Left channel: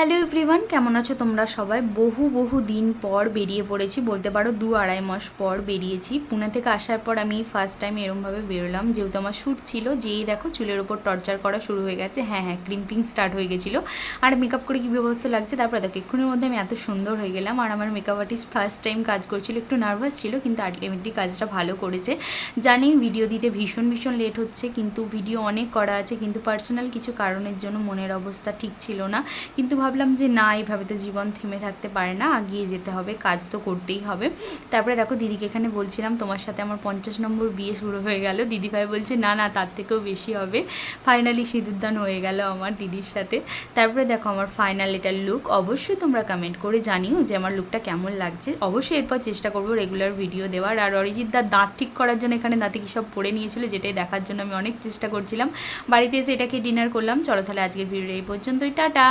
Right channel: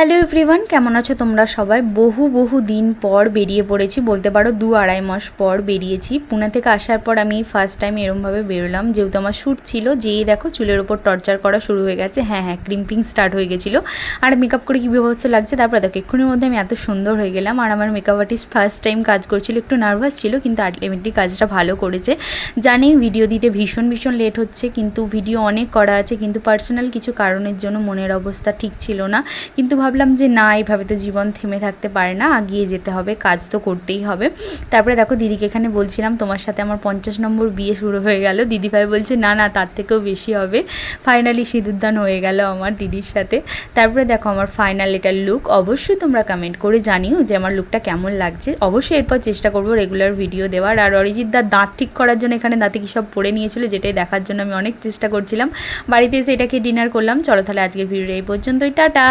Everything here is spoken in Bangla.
হ্যালো এভরিওয়ান, কেমন আছো তোমরা সবাই? বহু দিন পর বেরিয়ে পড়েছি, বলতে পারো 2-2.5 মাস পর বেরিয়েছি। পুনে থেকে আসার পর আমি ফার্স্ট টাইম এরমভাবে বেরোলাম, যেহেতু আমার শ্যুট ছিল। যেই দেখো চুলের ওপর টর্চার করা শুরু হয়ে গেছে, হ্যাঁ ক্রিম্পিং স্টার্ট হয়ে গেছিলো। আর মেকআপ করে কী বিভৎস লাগছে, তারপর দেখো এক্ষুনির মধ্যে আমি এত সুন্দর হয়ে গেলাম। আর আমার মেকআপ আর্টিস্ট ফার্স্ট টাইম কাজ করছিল, একটু নার্ভাস ছিল, কিন্তু আলটিমেটলি কাজটা ভালো করেছে। জানি ভিডিও দিতে ভীষণ লেট হচ্ছে, কিন্তু ভিডিও অনেক করা আছে, কিন্তু পার্সোনাল কিছু কারণের জন্য মনের অবস্থা ঠিক ছিল না। কিন্তু ভাবলাম যে না, এইভাবে তো জীবন থেমে থাকতে পারে না, আগিয়ে যেতে হবে, কাজ তো করতেই হবে। তারপরে দেখো দিদিকে এখানে বলছিলাম তোমার সাথে আমার 50 নম্বর বিয়ে শুরু হয়ে গেল। দিদিভাই বলছে না তার থেকেও বেশি হবে। ফাইনালি সিঁদুরদান হয়ে গেল আমার দিদির সাথে। তারপরে দেখো আমার ফাইনাল এটার লুক। অবশ্যই তোমরা কমেন্ট করে জানিও যে আমার লুকটা কেমন লাগছে। অবশ্যই এরপর চেষ্টা করবো রেগুলার ভিডিও দেওয়ার। আর অরিজিৎ দার দাঁত ঠিক করার জন্য এখানে দাঁতে কী সব পড়ে নিয়েছিল, যেটাই দেখার জন্য আমি অনেক চেষ্টা করছিলাম। বাড়িতে এসে এটাকে ডিনার করলাম। চলো তাহলে আজকের ভিডিও এই পর্যন্তই, টাটা।